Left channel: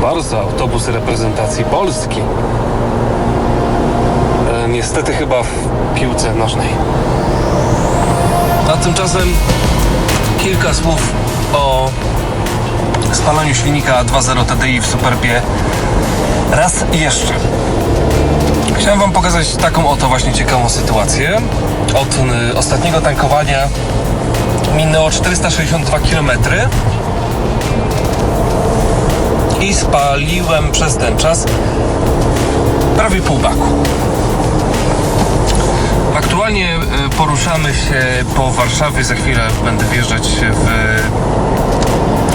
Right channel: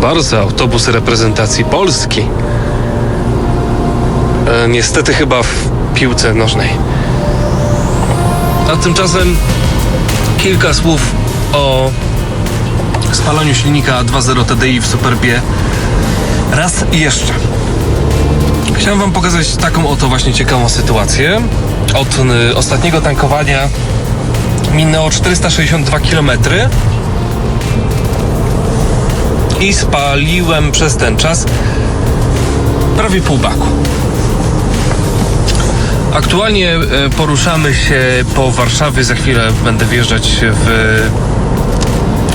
Proszę bardzo, autobus reprezentacji Polski. E, niestety chyba w piłce nożnej. A tymczasem kilka słów o spalaniu silnika 2.0 TDI w Superbie. Raz jeszcze. Chciałem Wam pokazać taką oto właśnie ciekawą sytuację. Od y, ostatniego tankowania minęło 462 km i spaliłem przez ten czas prawie pół baku. Aktualnie e, poruszamy się po Warszawie. Za chwilę będę wjeżdżać w,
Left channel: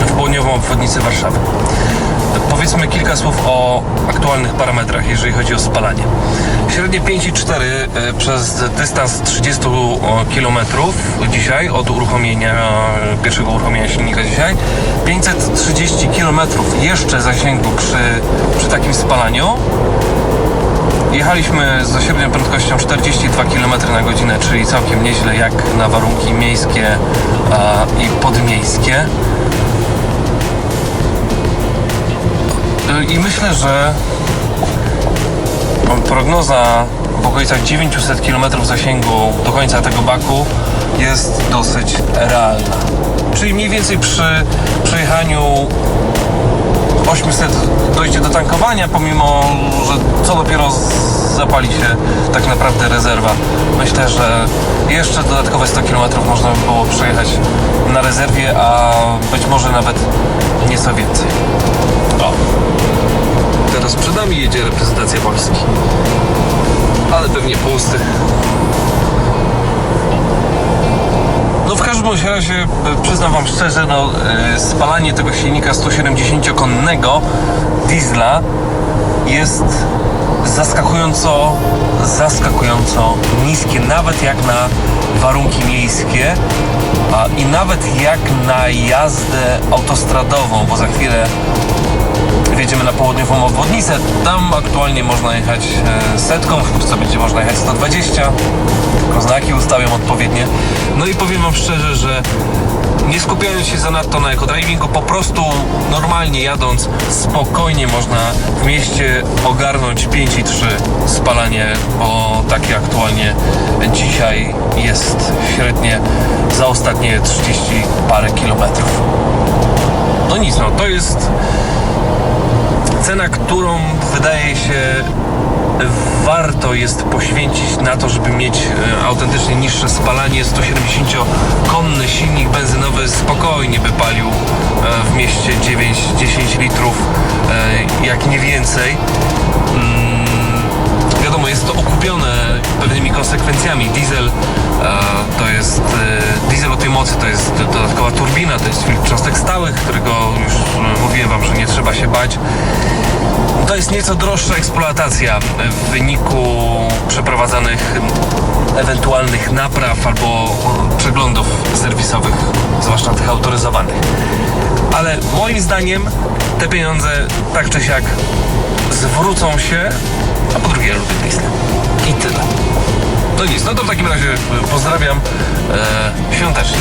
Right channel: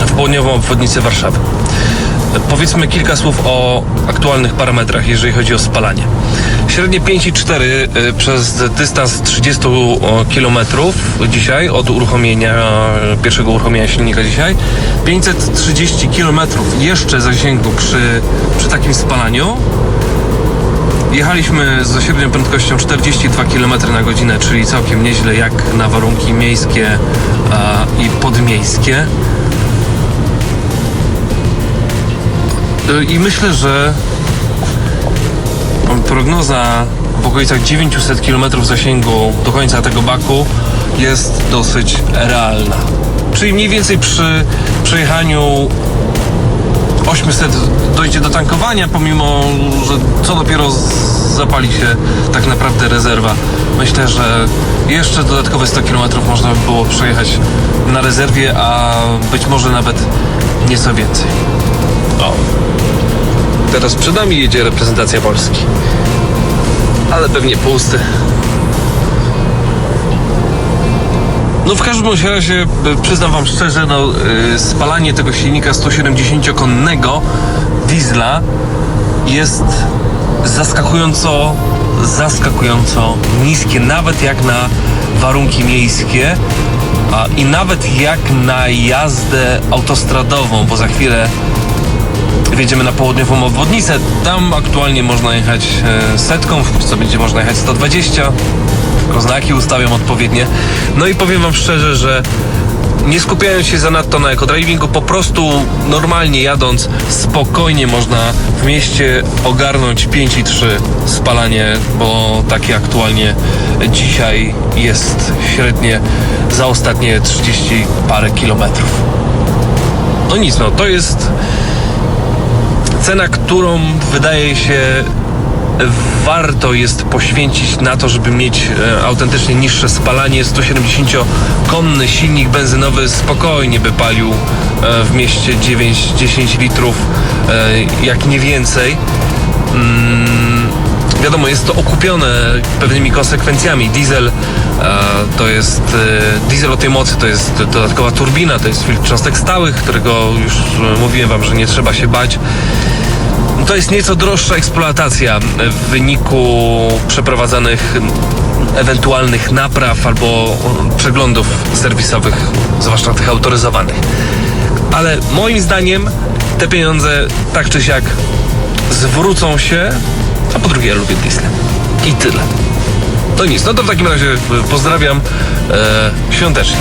w południową obwodnicę Warszawy. Powiedzmy kilka słów o aktualnych parametrach, jeżeli chodzi o spalanie. Średnie 5,4 e, przez dystans 30 km dzisiaj od uruchomienia, pierwszego uruchomienia silnika dzisiaj. 530 km jeszcze zasięgu przy, przy takim spalaniu. Jechaliśmy z średnią prędkością 42 km na godzinę, czyli całkiem nieźle jak na warunki miejskie i podmiejskie. I myślę, że prognoza w okolicach 900 km zasięgu do końca tego baku jest dosyć realna. Czyli mniej więcej przy przejechaniu 800 dojdzie do tankowania, pomimo, że co dopiero zapali się tak naprawdę rezerwa. Myślę, że jeszcze dodatkowe 100 km można by było przejechać na rezerwie, a być może nawet nieco więcej. O. Teraz przed nami jedzie reprezentacja Polski. Ale pewnie pusty. No w każdym razie y, przyznam wam szczerze, no y, spalanie tego silnika 170-konnego diesla jest zaskakująco, zaskakująco niskie, nawet jak na warunki miejskie a, i nawet jak na jazdę autostradową, bo za chwilę wjedziemy na południową obwodnicę. Tam aktualnie można jechać e, setką, Polsce będzie można jechać 120. Tylko znaki ustawiam odpowiednie. No i powiem Wam szczerze, że nie skupiając się zanadto na ekodrivingu, po prostu normalnie jadąc, spokojnie można w mieście ogarnąć 5,3 spalanie, bo takie aktualnie dzisiaj jest średnie za ostatnie 30 parę kilometrów. No nic, no to jest cena, którą wydaje się warto jest poświęcić na to, żeby mieć e, autentycznie niższe spalanie. 170-konny silnik benzynowy spokojnie by palił e, w mieście 9-10 litrów, e, jak nie więcej. Mm, wiadomo, jest to okupione pewnymi konsekwencjami. Diesel to jest diesel o tej mocy, to jest dodatkowa turbina, to jest filtr cząstek stałych, którego już mówiłem wam, że nie trzeba się bać. To jest nieco droższa eksploatacja w wyniku przeprowadzanych ewentualnych napraw albo o, przeglądów serwisowych, zwłaszcza tych autoryzowanych. Ale moim zdaniem te pieniądze tak czy siak zwrócą się, a po drugie ja lubię Disney. I tyle. To nic, no to w takim razie e, pozdrawiam e, świątecznie.